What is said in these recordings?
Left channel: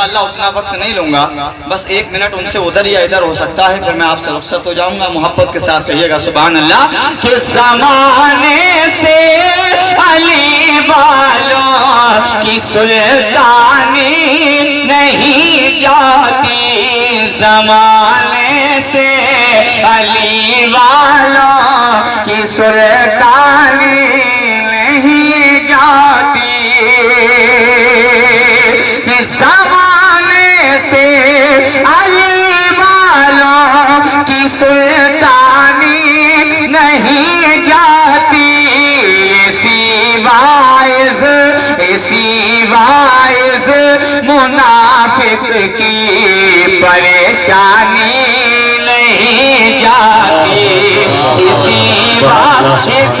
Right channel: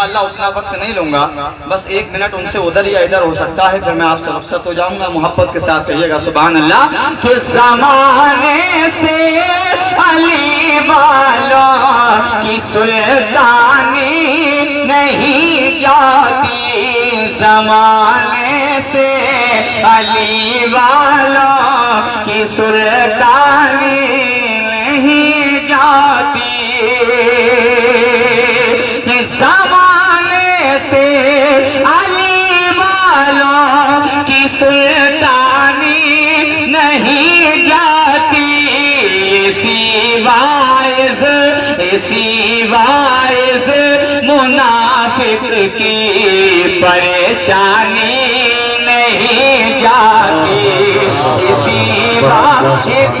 انشاءاللہ اتنا وقت نہیں لوں گا، بس 1 منٹ ان سے ادھر یا ادھر ہو سکتا ہے، پھر میں آپ سے رخصت ہو جاؤں گا۔ محبت کے ساتھ کہیے گا سبحان اللہ۔ کہ زمانے سے علی والوں کی سلطانی نہیں جاتی، زمانے سے علی والوں کی سلطانی نہیں جاتی، زمانے سے علی والوں کی سلطانی نہیں جاتی، اسی باعث منافق کی پریشانی نہیں جاتی، اسی باعث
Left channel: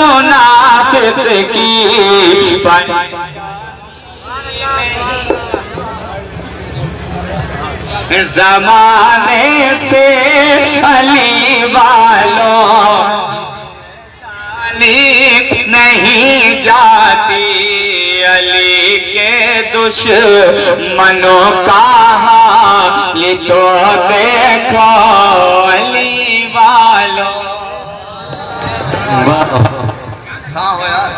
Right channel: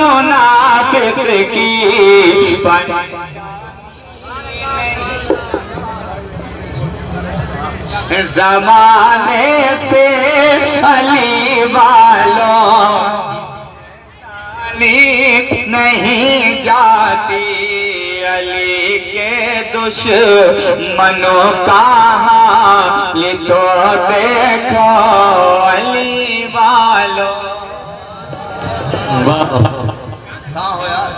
منافق کی زمانے سے علی والوں نہیں جاتی، علی کے دشمنوں کا حال تو دیکھو علی والوں۔ کہاں ہو یار؟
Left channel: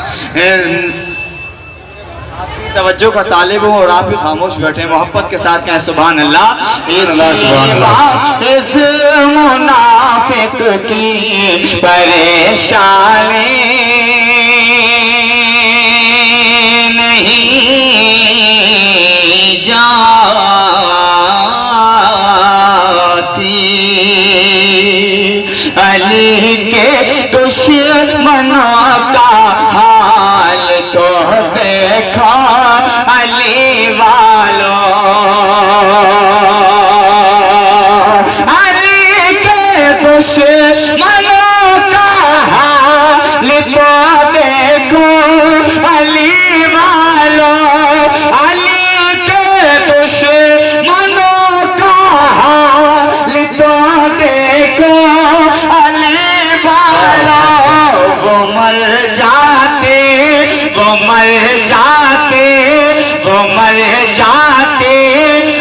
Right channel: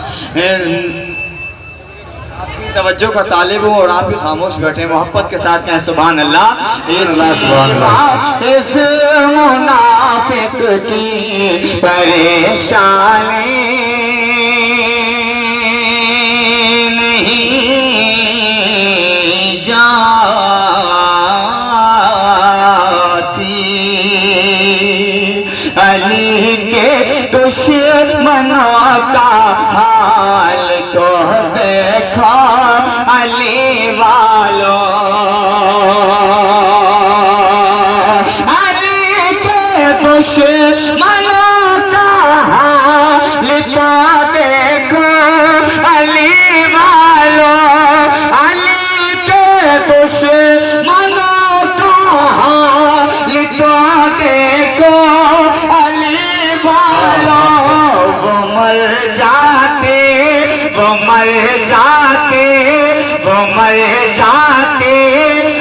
توجہ کا طالب ہوں اور آپ بھی خاموش بیٹھے، محبت کے ساتھ کہیں سبحان اللہ۔ اس منافق کی پریشانی نہیں جاتی، علی کے دشمنوں کا حال تو دیکھو علی والوں، علی کے دشمنوں کا حال تو دیکھو علی والوں، علی کے دشمنوں کا حال تو دیکھو علی والوں، وہ مر جاتے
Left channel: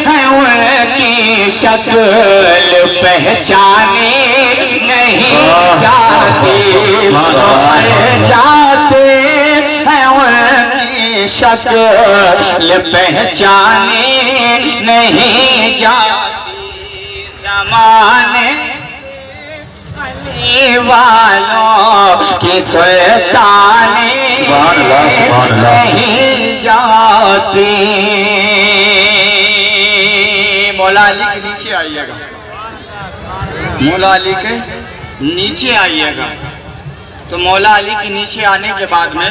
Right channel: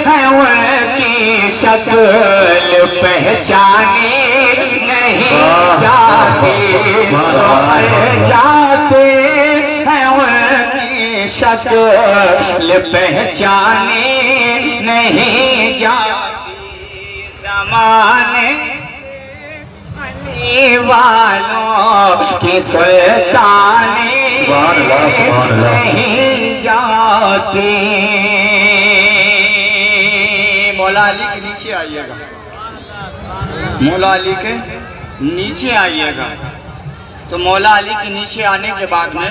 ہیں، ان کی شکل پہچانی نہیں جاتی، مر جاتے ہیں، ان کی شکل پہچانی نہیں جاتی، زمانے علی والوں کی سلطانی نہیں جاتی۔ مولا علی کے نیچے آئیے گا، مولا علی کے نیچے آئیے گا۔ تو مولا علی کے نیچے آنے کے بعد میں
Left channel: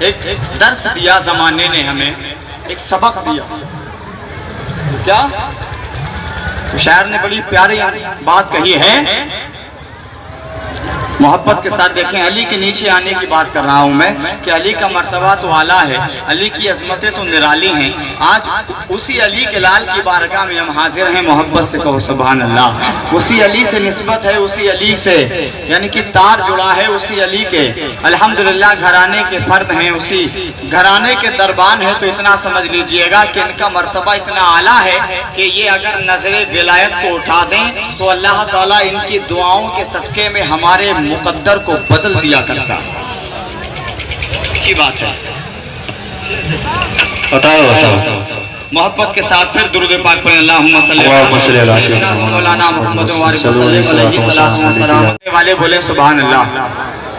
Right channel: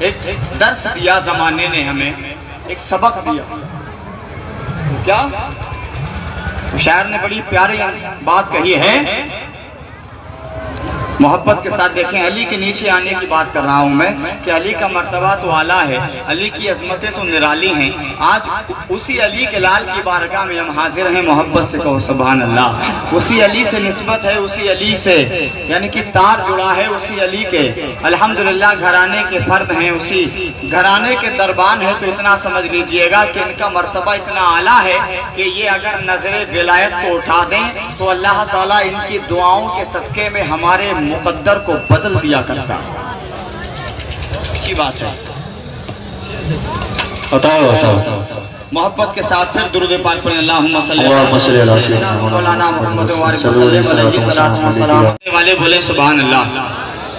ایک درس دیا زمانے نے، ہمیں ایک سبق دیا۔ کیا؟ شاعر نے بڑی پیاری بات کہی ہے، محبت کے ساتھ دیکھیں۔ علی کے نیچے آنے کی بات کر رہا ہوں میں کہ علی کا مرتبہ تو اعلیٰ ہے، علی کی عظمتیں تو نرالی ہیں۔ آج اسی علی کے لال کی بارگاہ میں ہم حاضر ہیں، محبت سے کہو سبحان اللہ۔ اسی علی سے نسبت ہے، اسی علی سے یعنی کہ تار جڑا ہے اسی علی کے، الحمدللہ گھرانے کے فرد ہیں، اسی گھرانے کے دربان ہے۔ تو اتنا سمجھ لیجئے گا کہ ان کا مرتبہ اتنا اعلیٰ ہے کہ یہ اگر نظر ولایت کو اٹھا دیں تو اللہ تعالیٰ ان کی دعاؤں کے صدقے میں ہمارے مقدر کو بدل دیا کرتا ہے۔ کی بات ہے، بتاؤ محبت کے ساتھ پھر درود پاک پڑھیں، اللہم صلی علی سیدنا مولانا محمد والے بولے سبحان اللہ،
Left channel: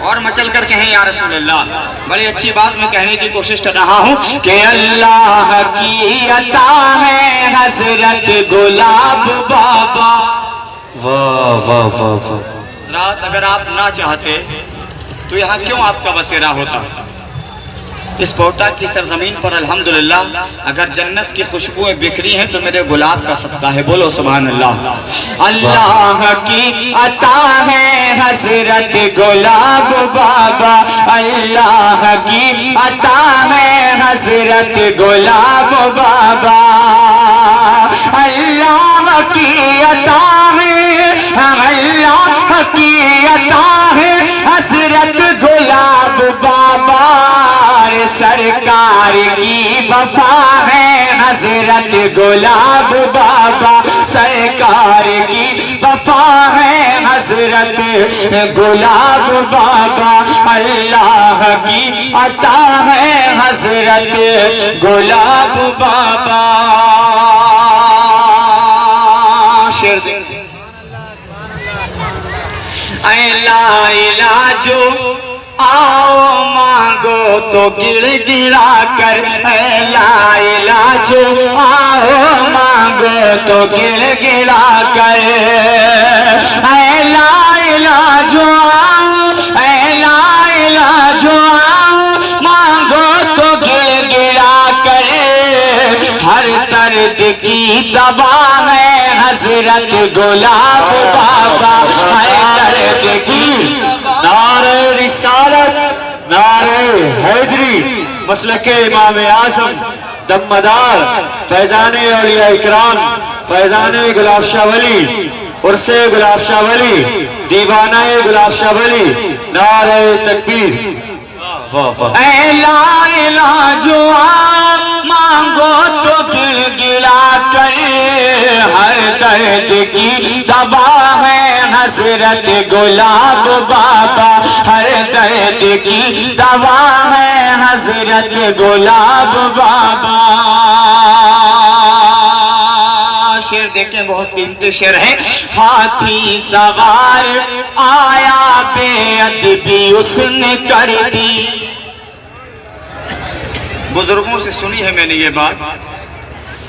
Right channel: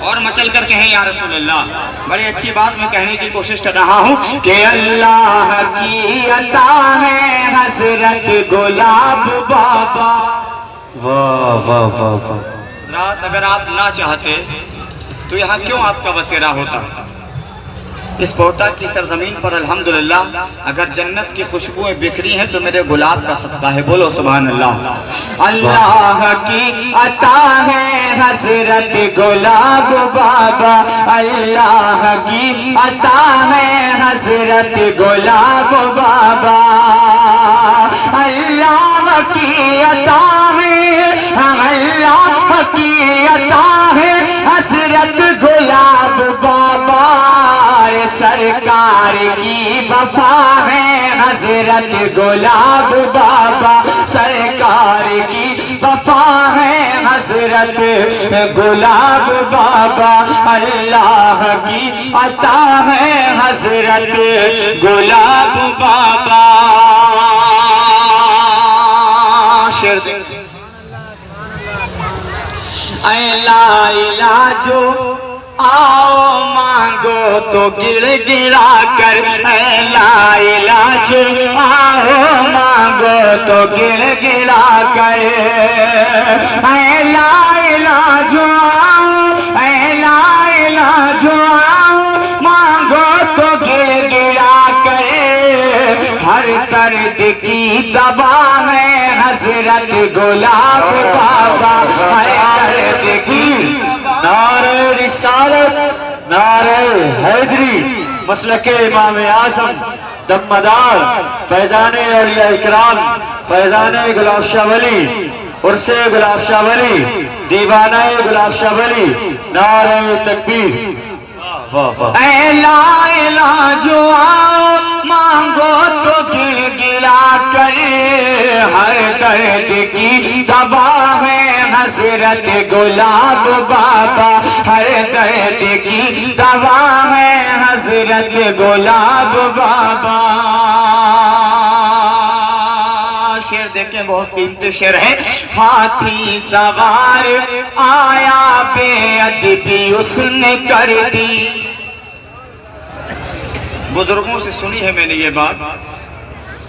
اور مچل کر کہیں یا رسول اللہ۔ بڑی اچھی بات میں کہنے کی کوشش کر رہا ہوں کہ اللہ کی عطا ہے حضرت گلاب بابا۔ واہ واہ واہ واہ، رات اگر آپ نہ چاہتے تو یہاں کیوں آپ کا بسیرا ہوتا؟ اس کوٹا کی سرزمین پر الحمدللہ اگر جنت کی خوشبوئیں بکھری ہیں تو میرے گلاب کا صدقہ ہے، بولو سبحان اللہ۔ اللہ کی عطا ہے حضرت گلاب بابا، اللہ کی عطا ہے حضرت گلاب بابا، اللہ کی عطا ہے، اللہ کی عطا ہے حضرت گلاب بابا، سرکار کی وفا ہے حضرت گلاب بابا، سرکار کی وفا ہے حضرت گلاب بابا، اللہ کی عطا ہے حضرت گلاب بابا۔ شعر دیکھیں، اے لا علاجو آؤ مانگو تو گر گرا کر، اے لا علاجو آؤ مانگو تو گر گرا کر، اے لا علاجو آؤ، اے لا علاجو آؤ مانگو تو گر گرا کر، ہر درد کی دوا ہے حضرت گلاب بابا، ہر درد کی۔ نعرہ رسالت، نعرہ حیدری، مسلک امام اعظم، دمدار، فیضان اولیاء اکرام، فیضان گلاب شاہ ولی، عرس گلاب شاہ ولی، دیوانہ گلاب شاہ ولی، نعرہ تکبیر۔ اے لا علاجو آؤ مانگو تو گر گرا کر، ہر درد کی دوا ہے حضرت گلاب بابا، ہر درد کی دوا ہے حضرت گلاب بابا۔ شعر دیکھیں، بہت قیمتی شعر ہے۔ ہاتھی سوار آیا بے ادبی اس نے کر دی، بزرگوں سے سنی ہے میں نے یہ بات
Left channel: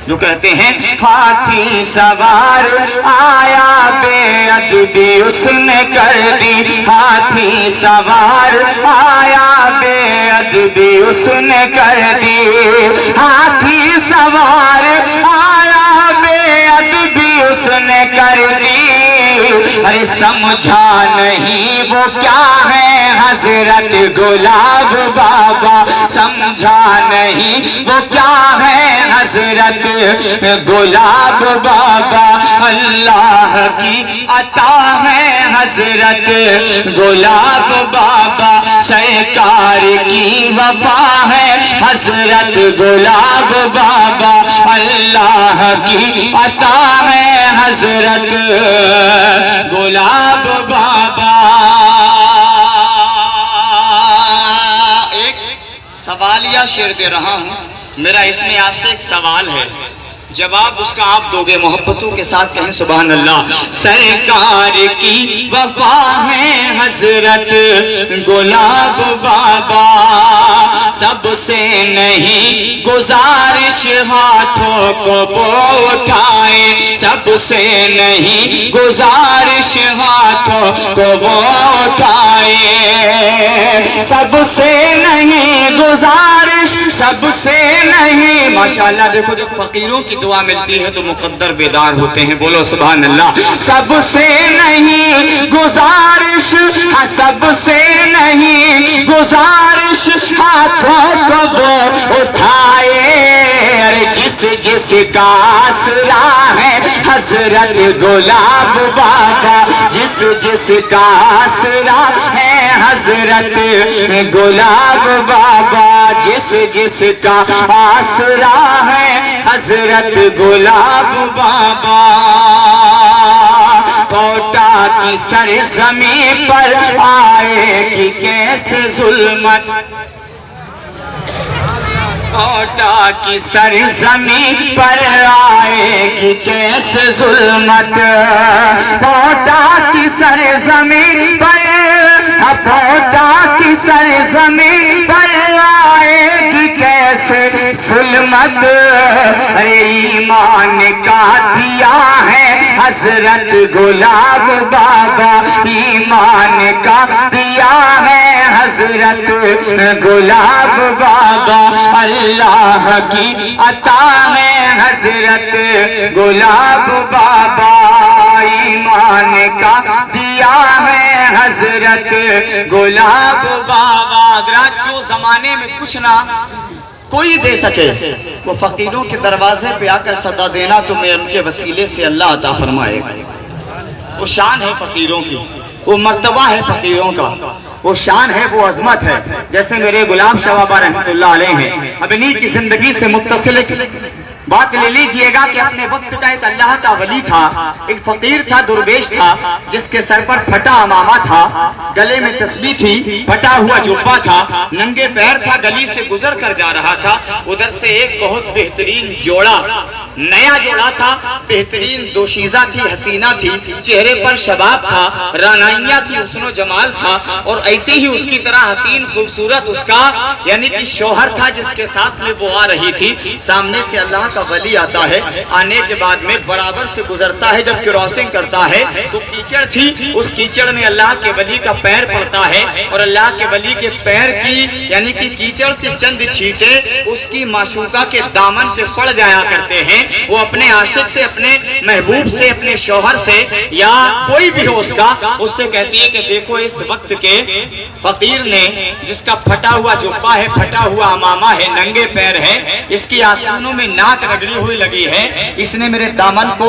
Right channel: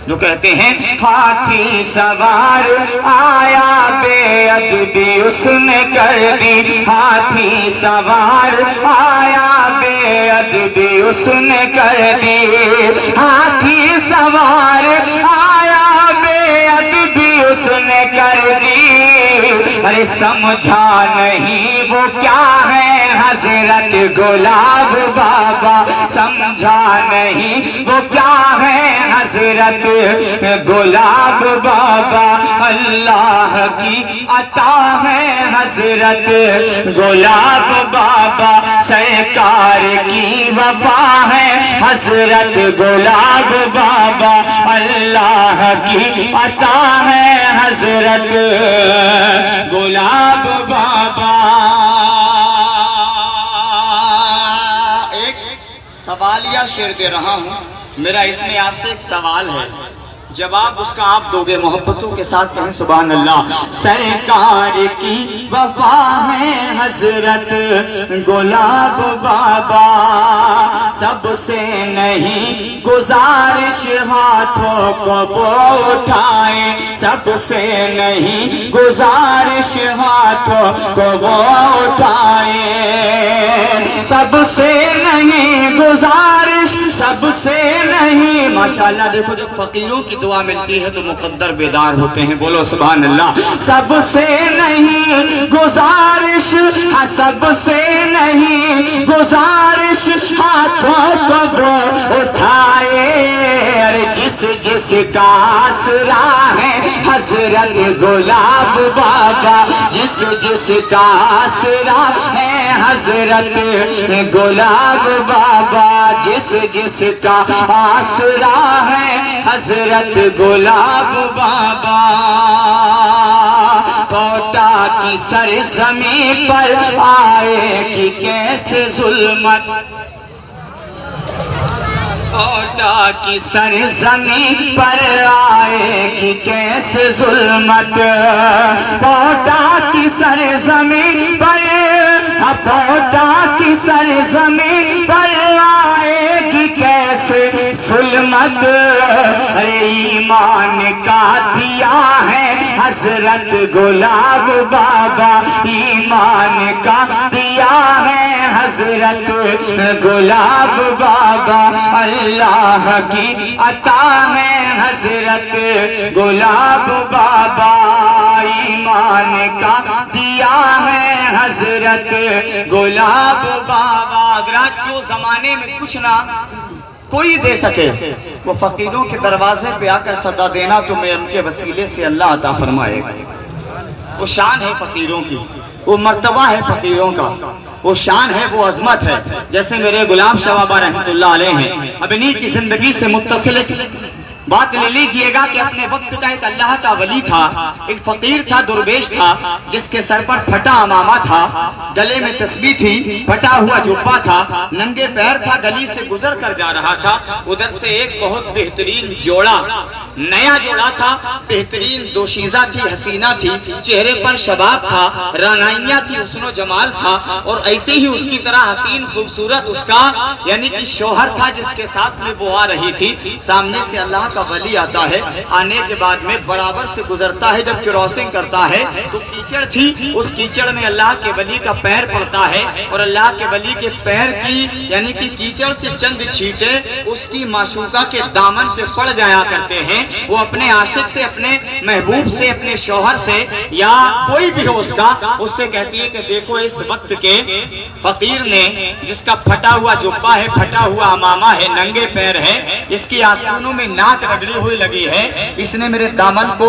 جو کہتے ہیں، ہاتھی سوار آیا بے ادبی اس نے کر دی، ہاتھی سوار آیا بے ادبی اس نے کر دی، ہاتھی سوار آیا بے ادبی اس نے کر دی، ارے سمجھا نہیں وہ کیا ہے حضرت گلاب بابا، سمجھا نہیں وہ کیا ہے حضرت گلاب بابا، اللہ کی عطا ہے حضرت گلاب بابا، سرکار کی وفا ہے حضرت گلاب بابا، اللہ کی عطا ہے حضرت گلاب بابا۔ ایک سوالیہ شعر دے رہا ہوں، میرا اس میں آپ سے ایک سوال ہے، جواب اس کا آپ دو گے، محبتوں کے ساتھ کہیں سبحان اللہ۔ سرکار کی وفا ہے حضرت گلاب بابا، سب سے نہیں گزارش ہاتھوں کو وہ اٹھائے، سب سے نہیں گزارش ہاتھوں کو وہ اٹھائے، سب سے نہیں گزارش، سب سے نہیں۔ ماشاءاللہ دیکھو، جو فقیروں کی دعا ملتی ہے تو مقدر بیدار ہوتے ہیں، بولو سبحان اللہ۔ سب سے نہیں گزارش، ہاں سب سے نہیں گزارش ہاتھوں کو وہ اٹھائے، جس جس کا آسرا ہے حضرت گلاب بابا، جس جس کا آسرا ہے حضرت گلاب بابا، جس جس کا آسرا ہے حضرت گلاب بابا۔ کوٹا کی سرزمین پر آئے کہ کیسے ظلمت، کوٹا کی سرزمین پر آئے کہ کیسے ظلمت، کوٹا کی سرزمین پر، کوٹا کی سرزمین پر آئے کہ کیسے ظلمت، ایمان کا دیا ہے حضرت گلاب بابا، ایمان کا دیا ہے حضرت گلاب بابا، اللہ کی عطا ہے حضرت گلاب بابا، ایمان کا دیا ہے حضرت گلاب بابا۔ حضرات، جو زمانے میں کچھ نہ کوئی دے سکے وہ فقیروں کے دروازے پہ آ کر صدا دینا تو میں ان کے وسیلے سے اللہ عطا فرمائے گا۔ وہ شان ہے فقیروں کی، وہ مرتبہ ہے فقیروں کا، وہ شان ہے، وہ عظمت ہے. جیسے میرے غلام شاہ بابا رحمۃ اللہ علیہ ہیں، اب انہی کی زندگی سے متصل بات لے لیجئے گا کہ اپنے وقت کا ایک اللہ کا ولی تھا، ایک فقیر تھا، درویش تھا، جس کے سر پر پھٹا امامہ تھا، گلے میں تسبیح تھی، پھٹا ہوا جبہ تھا، ننگے پیر تھا، گلی سے گزر کر جا رہا تھا. ادھر سے ایک بہت بہترین جوڑا، نیا جوڑا تھا، بہترین دوشیزہ تھی، حسینہ تھی، چہرے پر شباب تھا، رانائیاں تھی، حسن و جمال تھا، اور ایسے ہی اس کی طرح حسین خوبصورت اس کا یعنی کہ شوہر تھا جس کے ساتھ میں وہ آ رہی تھی. سامنے سے اللہ کا ولی آتا ہے، آنے کے بعد میں برابر سے گزرتا ہے، جب کراسنگ کرتا ہے تو کیچڑ تھی، اس کیچڑ میں اللہ کے ولی کا پیر پڑتا ہے، اور اللہ کے ولی کے پیر کی یعنی کہ کیچڑ سے چند چھینٹے اس کی معشوقہ کے دامن سے پڑ جایا کرتے ہیں. وہ اپنے عاشق سے، اپنے محبوب سے، اپنے شوہر سے یا کوئی بھی ہو اس کا، اس سے کہتی ہے کہ دیکھو اس وقت کے فقیر نے، جس کا پھٹا ہوا جبہ ہے، پھٹا ہوا امامہ ہے، ننگے پیر ہے، اس کی آستینوں میں ناک رگڑی ہوئی لگی ہے، اس نے میرے دامن کو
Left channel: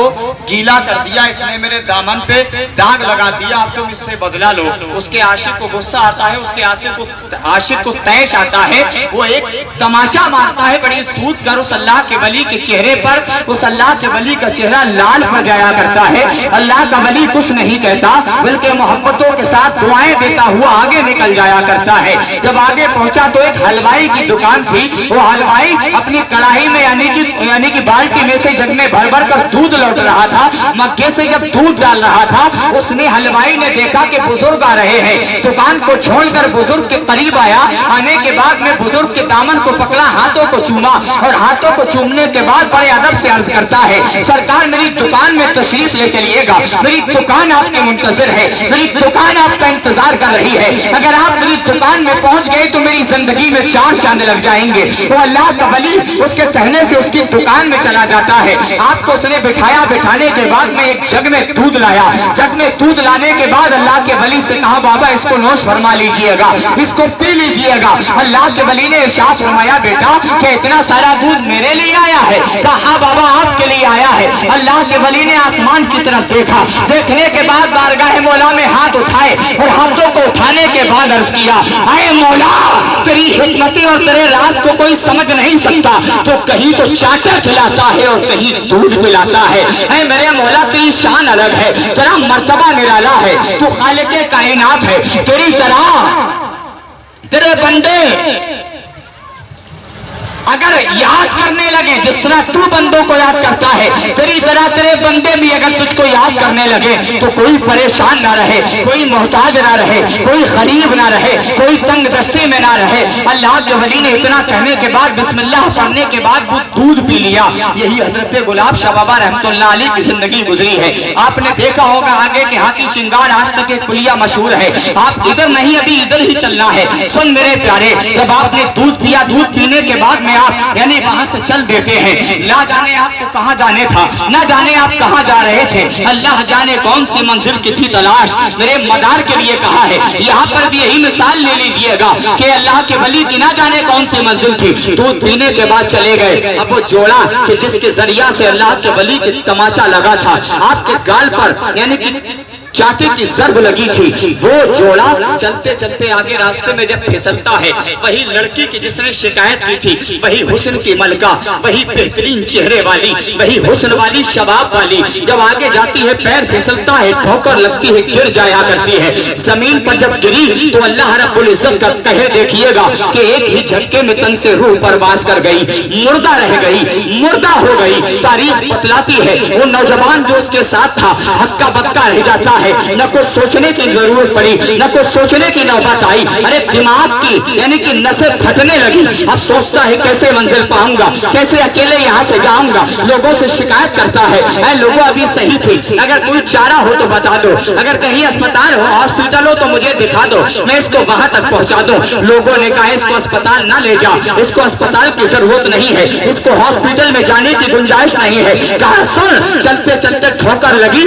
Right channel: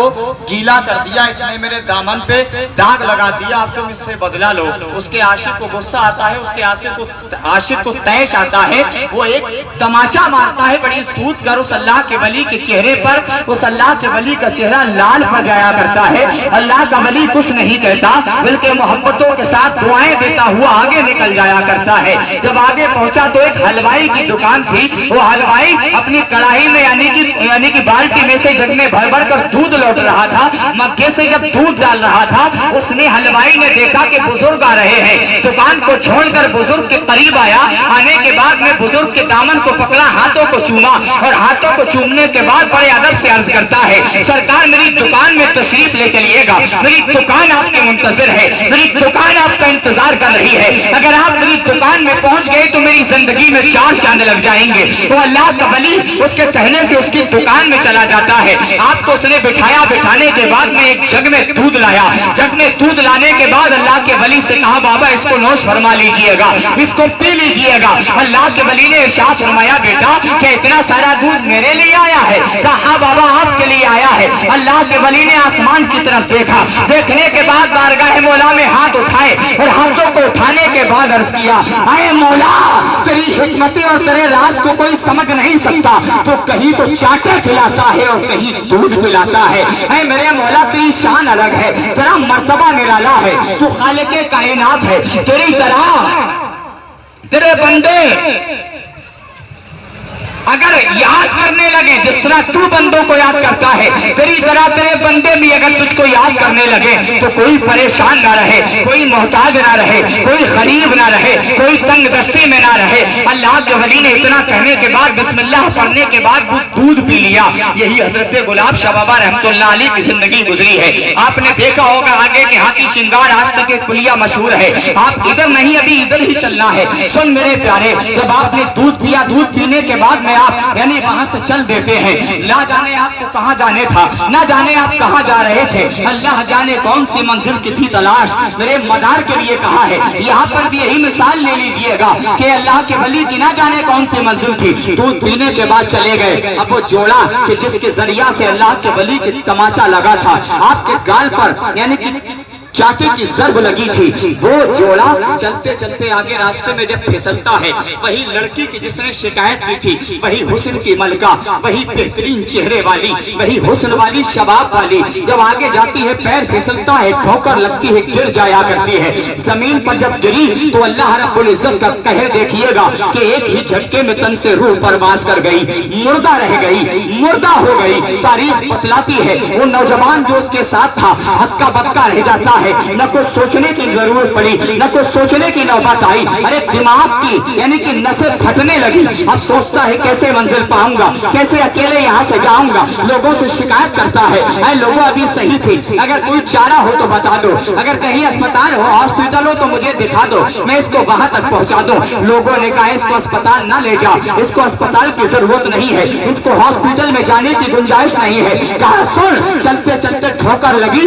گیلا کر دیا، اس نے میرے دامن پہ داغ لگا دیا، اب تم اس سے بدلہ لو. اس کے عاشق کو غصہ آتا ہے، اس کے عاشق کو طیش آتا ہے، وہ ایک تماچا مارتا ہے بڑی سود کر اس اللہ کے ولی کے چہرے پر. اس اللہ کے ولی کا چہرہ لال پڑ جایا کرتا ہے. اللہ کا ولی کچھ نہیں کہتا بلکہ محبتوں کے ساتھ دعائیں دیتا ہوا آگے نکل جایا کرتا ہے. جب آگے پہنچا تو ایک حلوائی کی دکان تھی. وہ حلوائی اپنی کڑاہی میں یعنی کہ بالٹی میں سے جگ میں بھر بھر کر دودھ لوٹ رہا تھا. مگے سے جب دودھ ڈال رہا تھا اس نے حلوائی نے دیکھا کہ بزرگ آ رہے ہیں. دکان کو چھوڑ کر بزرگ کے قریب آیا. آنے کے بعد میں بزرگ کے دامن کو پکڑا, ہاتھوں کو چوما اور ہاتھوں کو چومنے کے بعد بڑے ادب سے عرض کرتا ہے, سرکار میری دکان میں تشریف لے چلیے گا, میری دکان آپ کے منتظر ہے, میری دکان آپ کا انتظار کر رہی ہے. اگر آپ میری دکان میں پہنچ گئے تو میری زندگی میں 4 چاند لگ جائیں گے. تو اللہ کا ولی اس کے کہنے سے اس کی دکان میں چلا جاتا ہے. آپ کو اس نے بٹھایا, بٹھانے کے بعد میں ایک جگ میں دودھ لایا. جگ میں دودھ لانے کے بعد اللہ کے ولی سے کہا, بابا اس کو نوش فرما لیجئے گا, اس کو پی لیجئے گا. اللہ کے ولی نے ارشاد فرمایا, بیٹا کہ اتنا سارا دودھ میرے لیے آیا ہے؟ کہا بابا آپ کے لیے آیا ہے. اللہ کے ولی نے آسمان کی طرف دیکھا, دیکھنے کے بعد بارگاہ مولا میں ہاتھ اٹھائے اور ہاتھوں کو اٹھانے کے بعد عرض کیا, اے مولا تیری حکمتیں اور تیرے راز کو کوئی سمجھ نہیں سکتا. تو کہیں تو چاٹے کھلاتا ہے اور کہیں دودھ پلاتا ہے. اے میرے مولا تیری شان الگ ہے, تیرا مرتبہ نرالا ہے, تو خالق کائنات ہے. تیری طرح تیرے بندے اگر یاد کرنے لگے جس طرح تو بندوں کو یاد کرتا ہے, تیری طرح تیرے بندے بھی اگر تجھ کو یاد کرنے لگے تو کوئی پریشان نہ رہے, کوئی محتاج نہ رہے, کوئی غریب نہ رہے, کوئی تنگ دستی میں نہ رہے. اللہ کے ولی نے اتنا کہنے کے بعد بسم اللہ پڑھنے کے بعد وہ دودھ پی لیا. یہی حضرت گلاب شاہ بابا رحمۃ اللہ علیہ کی زندگی گزری ہے. آپ نے دیکھا ہوگا آگے کے ہاتھی شنگار آج تک ایک پلیا مشہور ہے. آپ ادھر نہیں, ابھی ادھر ہی چلنا ہے. سن میرے پیارے, جب آپ نے دودھ پیا, دودھ پینے کے بعد میں آپ یعنی وہاں سے چل دیتے ہیں. نہ جانے آپ کو کہاں جانے تھا, نہ جانے آپ کہاں جا رہے تھے, اللہ جانے کون سی منزل کی تھی تلاش. میرے مدار کے لیے کہا ہے. یہاں پر بھی یہی مثال لے لیجئے گا کہ اللہ کے ولی کی نہ جانے کون سی منزل تھی. دودھ پینے کے بعد چلے گئے. اب وہ جوڑا کہ جس کے ذریعہ سے اللہ کے ولی کے تماچا لگا تھا, آپ کے گال پر یعنی کہ چاٹے کی ضرب لگی تھی, وہ جوڑا چلتے چلتے آگے راستے میں جب پھسلتا ہے, وہی لڑکی کی جس نے شکایت کی تھی, وہی حسن کی ملکہ, وہی بہترین چہرے والی, وہی حسن والی, شباب والی, جب آگے جاتی ہے پیر پھسلتا ہے, ٹھوکر لگتی ہے, گر جایا کرتی ہے. زمین پر جب گری تو اللہ رب العزت کا قہر دیکھیے گا کہ ایک ہی جھٹکے میں تن سے روح پرواز کر گئی, مردہ رہ گئی, مردہ ہو گئی. تاریخ بتلاتی ہے وہ نوجوان جو اس کے ساتھ تھا ہکا بکا رہ جاتا ہے. نہ کچھ سوچنے کی ضرورت پڑی, نہ کچھ سوچنے کی نوبت آئی. ارے دماغ کی یعنی کہ نسیں پھٹنے لگی. اب سوچتا ہے کیسے منزل پاؤں گا, کیسے اکیلے یہاں سے جاؤں گا. لوگوں سے شکایت کرتا ہے, اے لوگوں ابھی صحیح تھی, اگر کوئی چارہ ہو تو بتا دو, اگر کہیں اسپتال ہو, ہاسپٹل ہو تو مجھے دکھا دو, میں اس کو وہاں تک پہنچا دوں. لوگوں نے کہا اس کو اسپتال نہ لے جا, اس کو اسپتال کی ضرورت نہیں ہے, اس کو ہاسپٹل میں جانے کی گنجائش نہیں ہے. کہا سن, چلتے چلتے ٹھوکر لگی.